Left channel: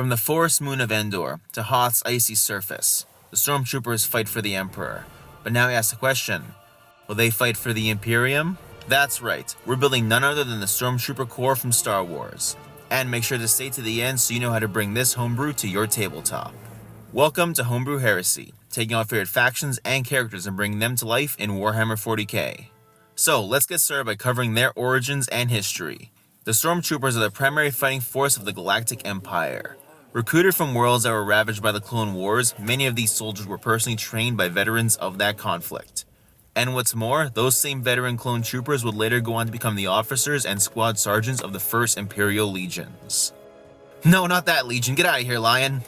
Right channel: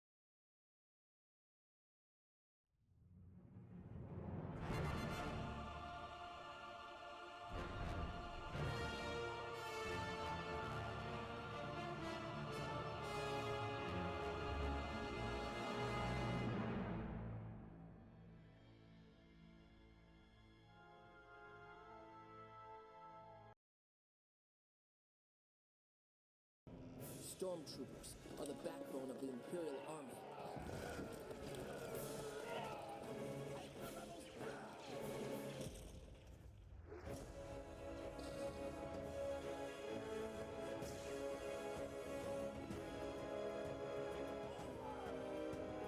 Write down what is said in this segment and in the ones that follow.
From the forest moon of Endor to Hoth's icy surface, the Stormtroopers fight for the Emperor. But now we ask the question, will they fight for the Imperium? That's right, we're building none other than the Stormtrooper Corp from Star Wars. And make sure to stay to the end so you know how to bring this homebrew to your tabletop. Welcome to Homebrew Heresy, taking our favorite factions and characters and bringing them to life in Warhammer 40k. So let's get started by covering their origins and history. The Stormtroopers are the primary fighting force of the Galactic Empire. Recruited from worlds that were ravaged by the Clone Wars, many of these soldiers were personally trained by veterans of that conflict. And what's more, those same veteran clone troopers would later go on to become the officers and squad sergeants of the First Imperial Legions. No, not that legion, get out of here, lion!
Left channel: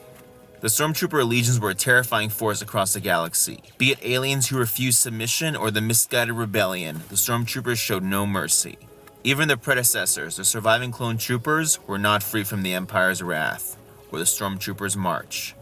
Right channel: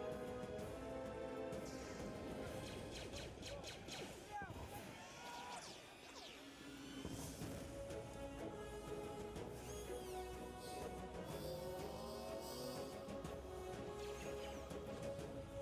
The Stormtrooper legions were a terrifying force across the galaxy. Be it aliens who refused submission or the misguided rebellion, the Stormtroopers showed no mercy. Even their predecessors, the surviving clone troopers, were not free from the Empire's wrath, or the Stormtroopers March.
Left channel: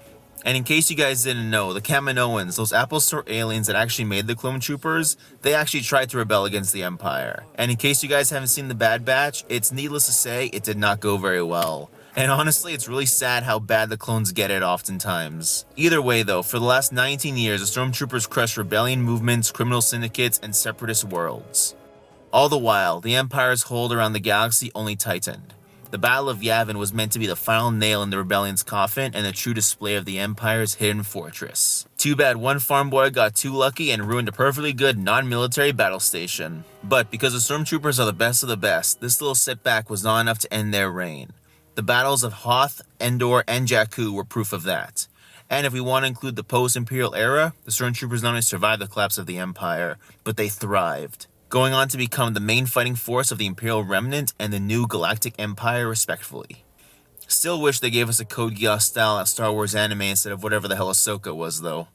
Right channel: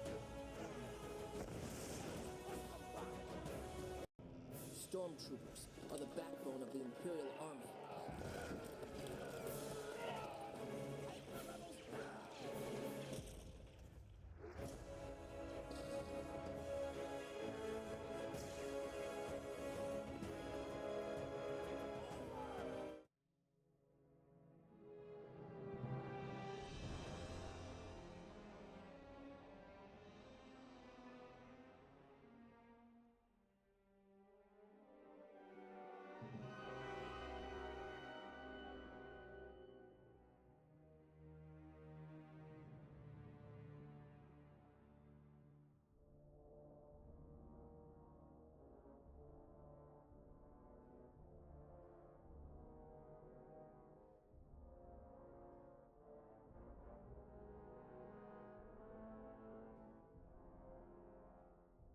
And in case you guys didn't know, the Kaminoans, those Apple Store aliens that actually made the clone troopers, they actually tried to rebel against the Empire. And in case you guys haven't seen The Bad Batch, it's needless to say, it did not go very well. And honestly, it's really sad how bad the clones get it oftentimes. Either way though, for the last 19 years, the Stormtroopers crushed rebellion movements, criminal syndicates, and separatist worlds. All the while, the Empire's hold around the galaxy only tightened. The Battle of Yavin was meant to be the final nail in the rebellion's coffin and a true display of the Empire's hidden fortress. Too bad one farm boy got too lucky and ruined a perfectly good non-military battle station. But because the Stormtroopers are the best of the best, this little setback was not enough to end their reign. The battles of Hoth, Endor, and Jakku were proof of that. And if we want to include the post-Imperial era, the Stormtroopers not only survived the collapse of the Empire, but they thrived, going on to become the main fighting force of the Imperial Remnant and the new Galactic Empire respectively. Still wish they gave us a Code Geass style Star Wars anime instead of whatever the hell Ahsoka was though.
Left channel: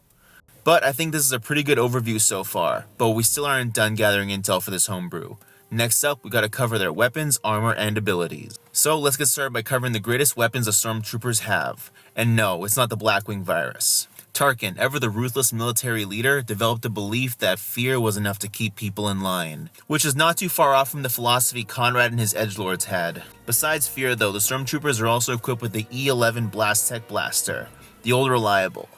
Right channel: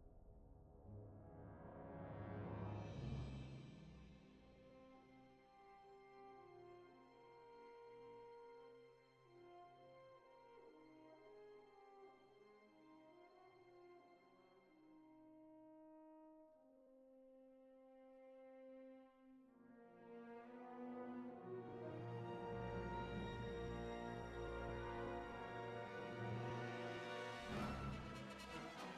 But I think this is a pretty good overview so far, but we still aren't done gathering intel for this homebrew. Next up, we gotta cover their weapons, armor, and abilities. So let's get started by covering the greatest weapons the Stormtroopers have. And no, it's not the Blackwing virus. Tarkin, ever the ruthless military leader, developed a belief that fear was enough to keep people in line, which is not too far off from the philosophy Conrad and his edgelords had. Besides fear though, the Stormtroopers are also equipped with the E11 Blast Tech Blaster, the old reliable.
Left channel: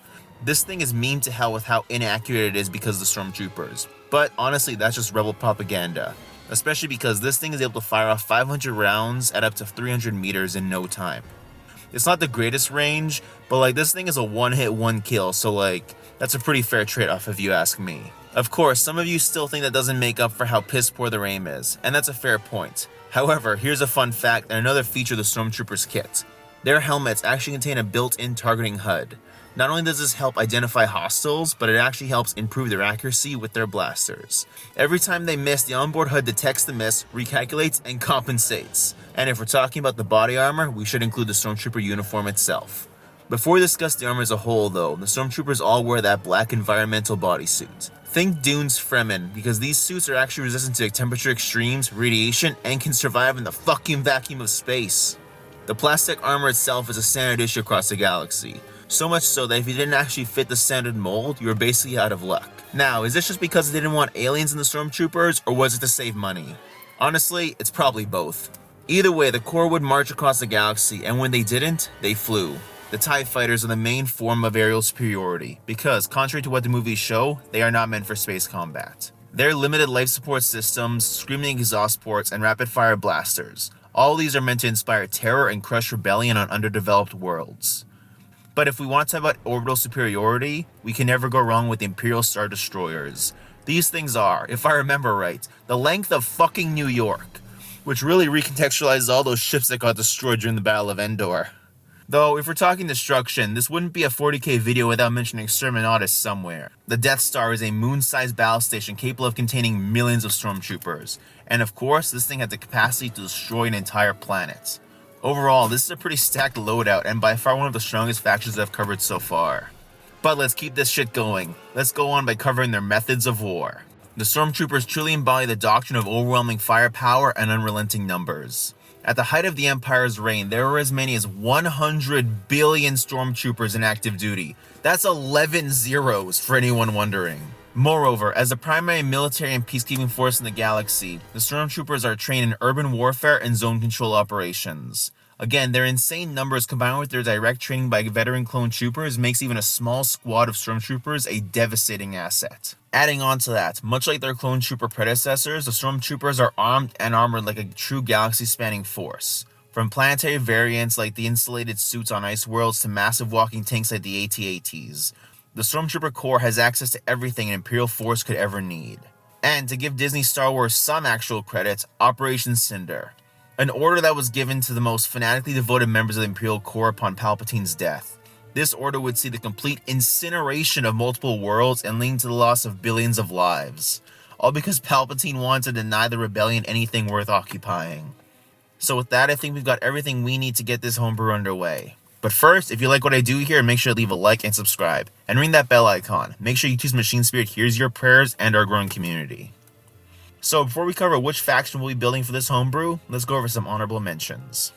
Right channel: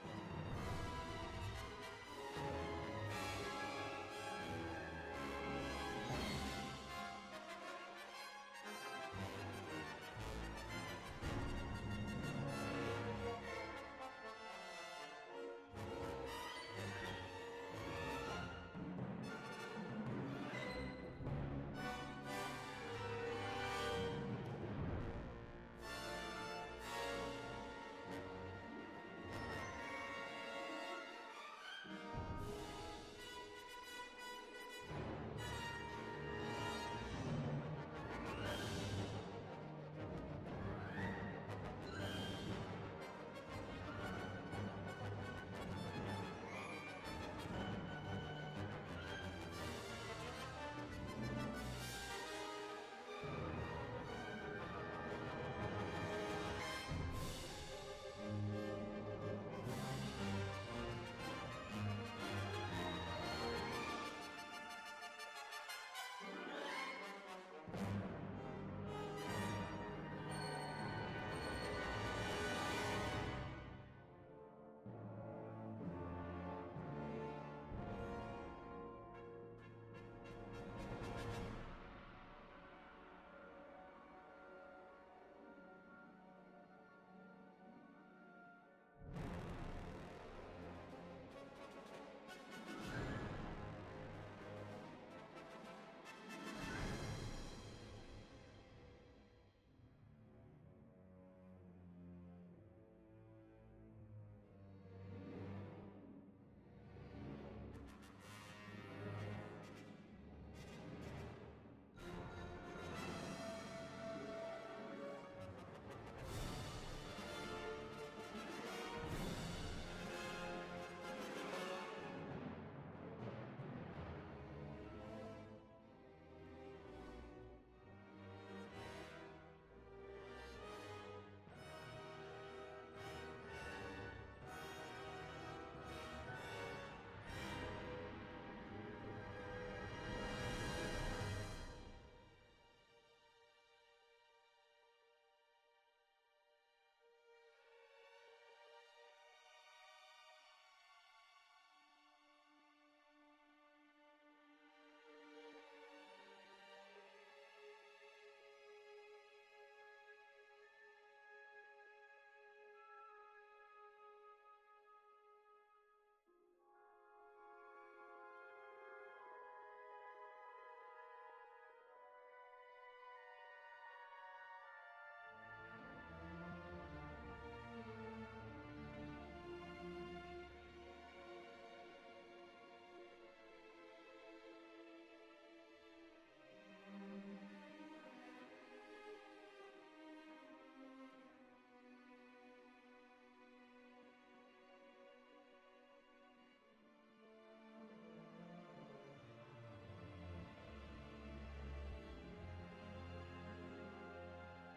This thing is meme to hell with how inaccurate it is because of the Stormtroopers, but honestly that's just rebel propaganda, especially because this thing is able to fire off 500 rounds at up to 300 meters in no time. It's not the greatest range, but this thing is a one hit, one kill, so that's a pretty fair trade-off if you ask me. Of course, some of you still think that doesn't make up for how piss poor their aim is, and that's a fair point. However, here's a fun fact and another feature of the Stormtroopers kit. Their helmets actually contain a built-in targeting HUD. Not only does this help identify hostiles, but it actually helps improve their accuracy with their blasters. Every time they miss, the onboard HUD detects the miss, recalculates, and compensates. And if we're talking about the body armor, we should include the Stormtrooper uniform itself. Before we discuss the armor as a whole though, the Stormtroopers all wear that black environmental bodysuit. Think Dune's Fremen, because these suits are actually resistant to temperature extremes, radiation, and can survive in the fucking vacuum of space. The plastic armor itself is a standard issue across the galaxy. So much so that if you didn't actually fit the standard mold, you were basically out of luck. Now, is this just because they didn't want aliens in the Stormtroopers, or was it to save money? Honestly, it's probably both. Either way, the Corps would march across the galaxy, and when they didn't, they flew. The TIE fighters are the main form of aerial superiority, because, contrary to what the movies show, they are not meant for space combat. Their limited life support systems, screaming exhaust ports, and rapid-fire blasters. All these are meant to inspire terror and crush rebellion on underdeveloped worlds. But if we want to talk about orbital superiority, we can never go wrong with the Imperial Star Destroyers. These things are, if I remember right, the length of fucking New York, which really recontextualizes all those ships that got destroyed during the Battle of Endor. Though, if we're talking destruction, this wouldn't be a 40k video without mentioning Exterminatus somewhere. The Death Star is a moon-sized battle station capable of containing millions of Stormtroopers, and of course, this thing had the capacity to destroy an entire planet. Overall, this is a pretty stacked loadout and by far one of the strongest factions I've covered so far. But let's keep this shit going. Let's go on by covering their methods of war. The Stormtroopers truly embody the doctrine of overwhelming firepower and unrelenting numbers. At the height of the Empire's reign, there were as many as 100 billion Stormtroopers in active duty. That's 11 zeros for anyone wondering. Moreover, as the primary military and peacekeeping force in the galaxy, the Stormtroopers are trained in urban warfare and zone control operations. Again, their insane numbers combined with their direct training by veteran clone troopers makes even a small squad of Stormtroopers a devastating asset. Adding on to that, much like their clone trooper predecessors, the Stormtroopers are armed and armored like a true galaxy-spanning force. From planetary variants like the insulated suits on ice worlds to massive walking tanks like the AT-ATs, the Stormtrooper Corps has access to everything an Imperial force could ever need. And to give Disney Star Wars some actual credit, Operation Cinder, an order that was given to the most fanatically devoted members of the Imperial Corps upon Palpatine's death. This order would see the complete incineration of multiple worlds and lead to the loss of billions of lives, all because Palpatine wanted to deny the rebellion anything worth occupying. So with that, I think we've got everything we need to get this homebrew underway. But first, if you like what I do here, make sure to leave a like and subscribe, and ring that bell icon. Make sure YouTube's Machine Spirit hears your prayers and our growing community. So before we cover which faction we'll be building for this homebrew, let's go over some honorable mentions.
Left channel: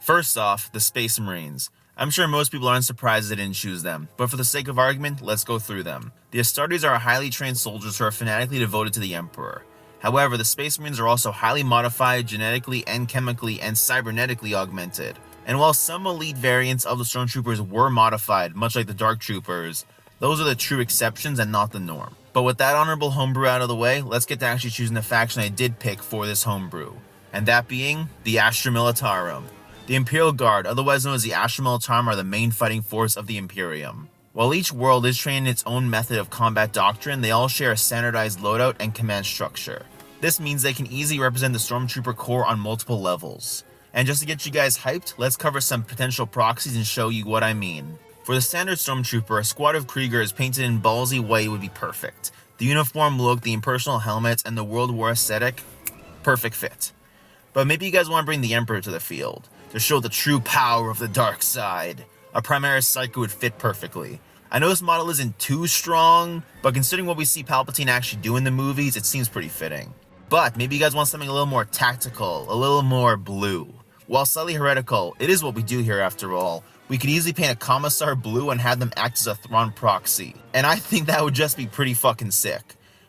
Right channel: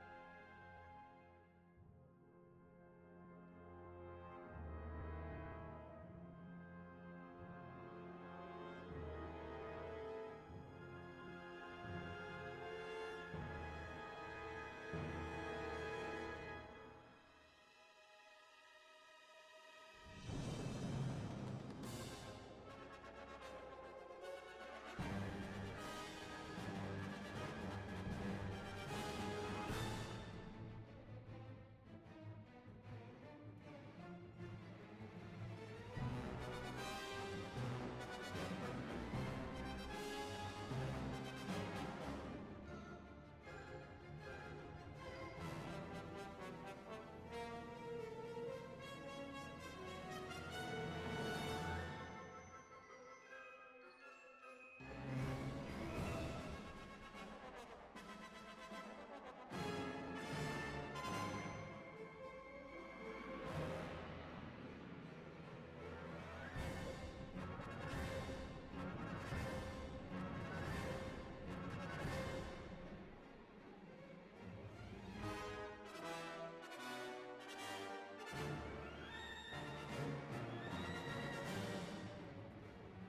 First off, the Space Marines. I'm sure most people aren't surprised they didn't choose them, but for the sake of argument, let's go through them. The Astartes are highly trained soldiers who are fanatically devoted to the Emperor. However, the Space Marines are also highly modified, genetically and chemically and cybernetically augmented. And while some elite variants of the Stormtroopers were modified, much like the Dark Troopers, those are the true exceptions and not the norm. But with that honorable homebrew out of the way, let's get to actually choosing the faction I did pick for this homebrew. And that being the Astra Militarum. The Imperial Guard, otherwise known as the Astra Militarum, are the main fighting force of the Imperium. While each world is trained in its own method of combat doctrine, they all share a standardized loadout and command structure. This means they can easily represent the Stormtrooper Corps on multiple levels. And just to get you guys hyped, let's cover some potential proxies and show you what I mean. For the standard Stormtrooper, a squad of Kriegers painted in ballsy white would be perfect. The uniform look, the impersonal helmets, and the World War aesthetic, perfect fit. But maybe you guys want to bring the Emperor to the field, to show the true power of the dark side. A Primaris Psycho would fit perfectly. I know this model isn't too strong, but considering what we see Palpatine actually do in the movies, it seems pretty fitting. But maybe you guys want something a little more tactical, a little more blue. While slightly heretical, it is what we do here after all. We could easily paint a Commissar blue and have them act as a Thrawn proxy. And I think that would just be pretty fucking sick.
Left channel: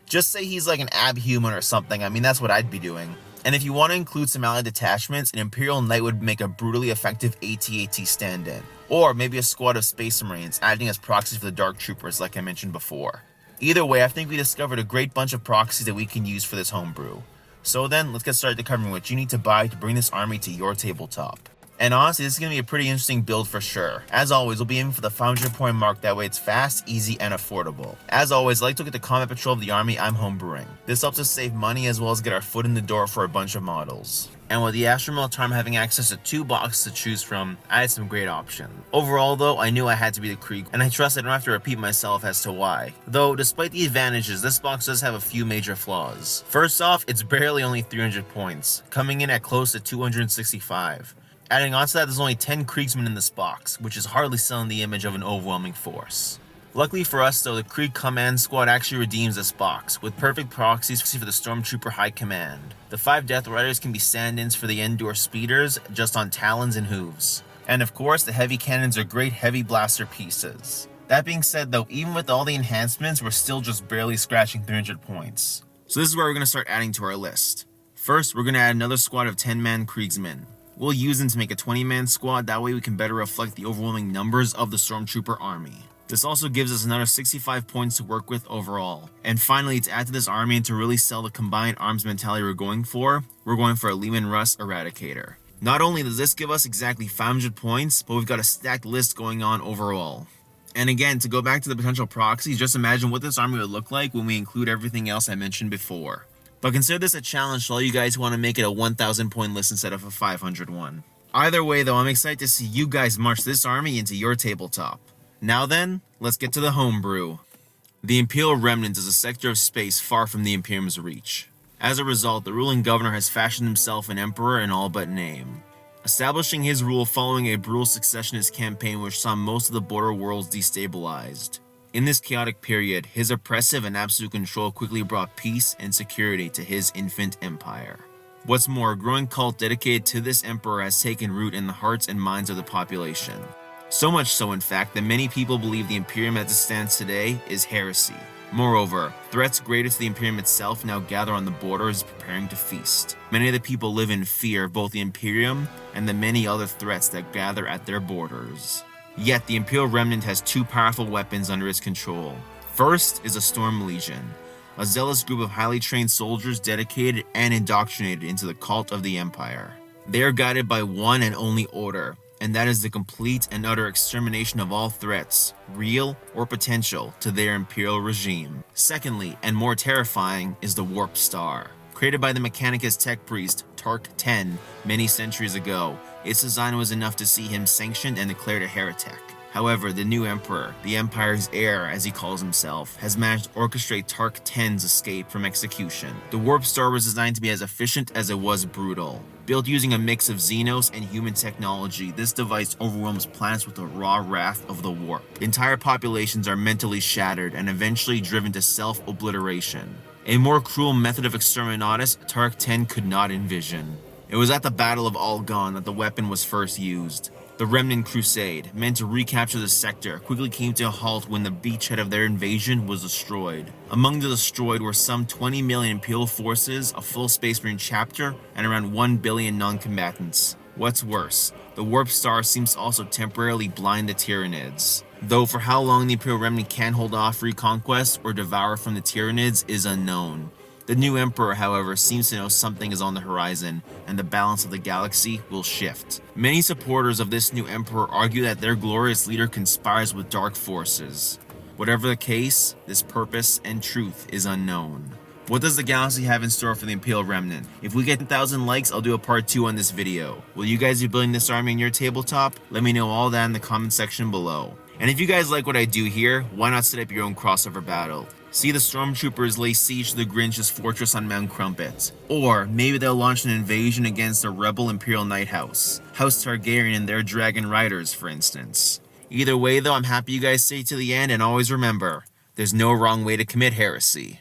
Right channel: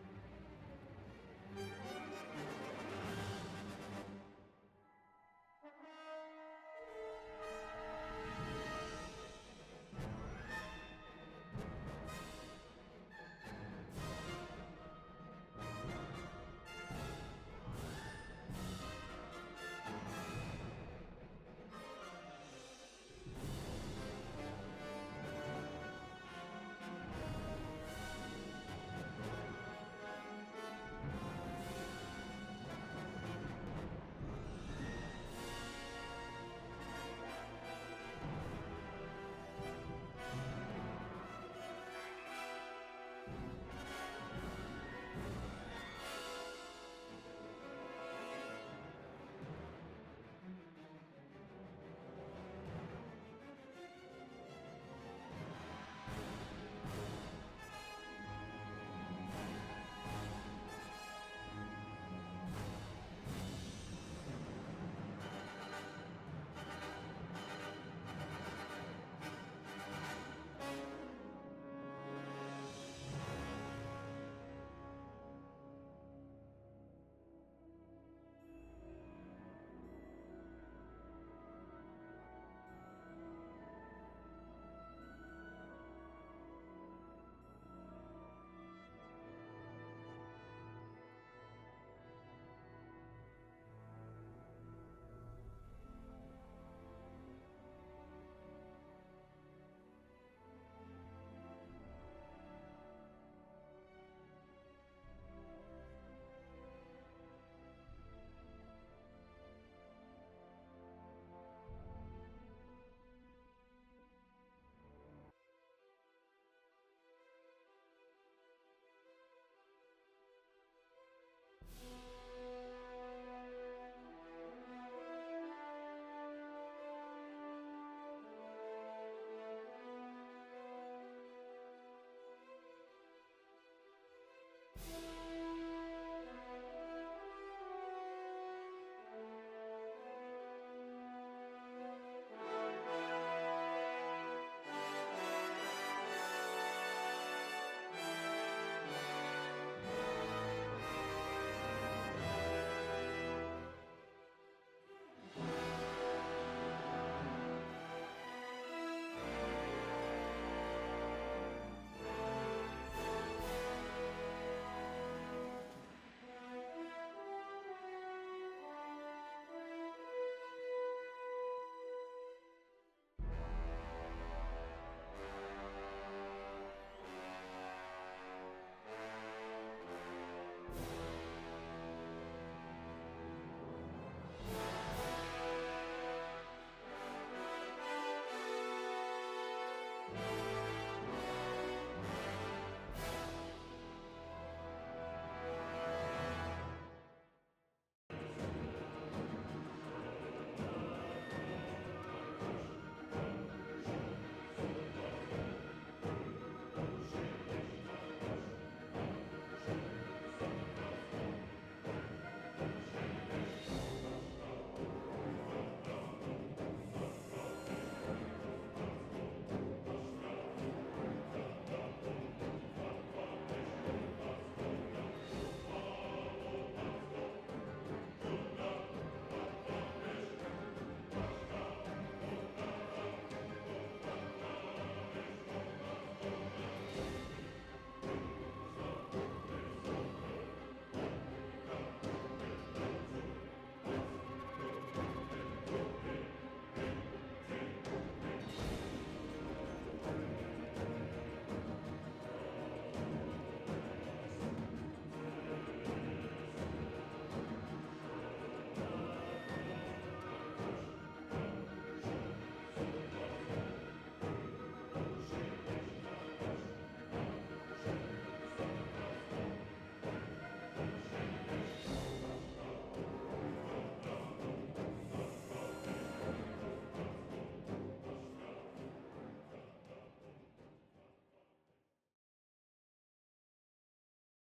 Just say he's like an abhuman or something, I mean that's what I'd be doing. And if you want to include some allied detachments, an Imperial Knight would make a brutally effective AT-AT stand-in. Or maybe a squad of Space Marines acting as proxies for the Dark Troopers like I mentioned before. Either way, I think we discovered a great bunch of proxies that we can use for this homebrew. So then, let's get started to covering what you need to buy to bring this army to your tabletop. And honestly, this is going to be a pretty interesting build for sure. As always, we'll be aiming for the 500 point mark, that way it's fast, easy, and affordable. As always, I like to look at the combat patrol of the army I'm homebrewing. This helps us save money as well as get our foot in the door for a bunch of models. And with the Astra Militarum having access to 2 boxes to choose from, I had some great options. Overall though, I knew I had to be the Krieg, and I trust I don't have to repeat myself as to why. Though, despite the advantages, this box does have a few major flaws. First off, it's barely only 300 points, coming in at close to 265. Adding on to that, there's only 10 Kriegsmen in this box, which is hardly selling the image of an overwhelming force. Luckily for us though, the Krieg Command Squad actually redeems this box, with perfect proxies for the Stormtrooper High Command. The 5 Death Riders can be stand-ins for the Endor Speeders, just on talons and hooves. And of course, the heavy cannons are great heavy blaster pieces. That being said though, even with all the enhancements, we're still just barely scratching 300 points. So this is where we're going to start adding to our list. First, we're going to add another squad of 10-man Kriegsmen. We'll use them to make a 20-man squad, that way we can better reflect the overwhelming numbers of the Stormtrooper army. This also gives us another 65 points to work with overall. And finally, to add to this army and to really sell the combined arms mentality we're going for a Leman Russ Eradicator. Not only does this give us exactly 500 points, but we've got a stacked list going on overall. And again, to go back to the potential proxies, just imagine what this army would look like when we include everything else I mentioned before. But consider this a challenge to all you guys who want to make it a 1,000 point list instead of a 500 one. Either way though, I'm excited to see you guys march this army into your tabletop. Now then, let's get to the homebrew. The Imperial Remnant is a sector of space far from the Imperium's reach. As a result, the ruling governor has fashioned himself an emperor in all but name, establishing his rule following a brutal successionist campaign which saw most of the border worlds destabilized. In this chaotic period, his oppressive and absolute control quickly brought peace and security to his infant empire. What's more, a growing cult dedicated to this emperor has taken root in the hearts and minds of the population. So much so, in fact, that many people believe the Imperium as it stands today is heresy. Moreover, threats greater to the Imperium itself now gather on the borders, preparing to feast. Many of the people live in fear of both the Imperium and the many other threats that gather at their borders. Yet the Imperial Remnant has two powerful weapons under its control. First is a Storm Legion, a zealous group of highly trained soldiers dedicated and indoctrinated into the cult of the Empire. They are guided by one and only order, and that is the complete and utter extermination of all threats, real or potential, to their Imperial regime. Secondly, and more terrifying, is the Warp Star. Created by the Mechanicus tech priest Tark 10 many centuries ago, its design was enough to see him sanctioned and declared a heretic. However, the new Emperor, the Empire's heir as he calls himself, has managed to orchestrate Tark 10's escape from execution. The Warp Star was designed to be as efficient as it was brutal. Built using a mix of Xenos and human technology, this device overwhelms planets with the raw wrath of the warp. Entire populations are mentally shattered and eventually driven to self-obliteration. A more cruel method of exterminatus Tark 10 could not envision. It was at the Battle of Algon that the weapon was first used. The Remnant Crusade, meant to recapture the sector, quickly came to a halt when the beachhead of their invasion was destroyed. Among the destroyed were some 20 million Imperial forces, a full Space Marine chapter, and around 1 billion non-combatants. What's worse, the Warp Star seems to also temporarily blind the Tyranids. Though for how long the Imperial Remnant can hold off reconquest or devour from the Tyranids is unknown. The new Emperor, however, seems to know something is on the horizon, and the balance of the galaxy will shift. Many supporters of this new Emperor argue that their glorious leader conspires with dark forces. Whatever the case, this purpose and truth is unknown. What does the galaxy have in store for the Imperial Remnant? If we get 10,000 likes, I'll do a part 2 on this video. Will you guys be building this army in your tabletop? Let me know all that in the comment section below. And if you guys like what I do here, why not set up your own crossover battle? See the Stormtroopers lay siege to the Grinch's fortress on Mount Crumpet. Or maybe they'll launch an invasion against the rebel Imperial Night House, House Targaryen and their Dragon Riders, for instance. Either way though, I'm happy you guys stayed to the end, and always remember, there's no wrong way to commit heresy.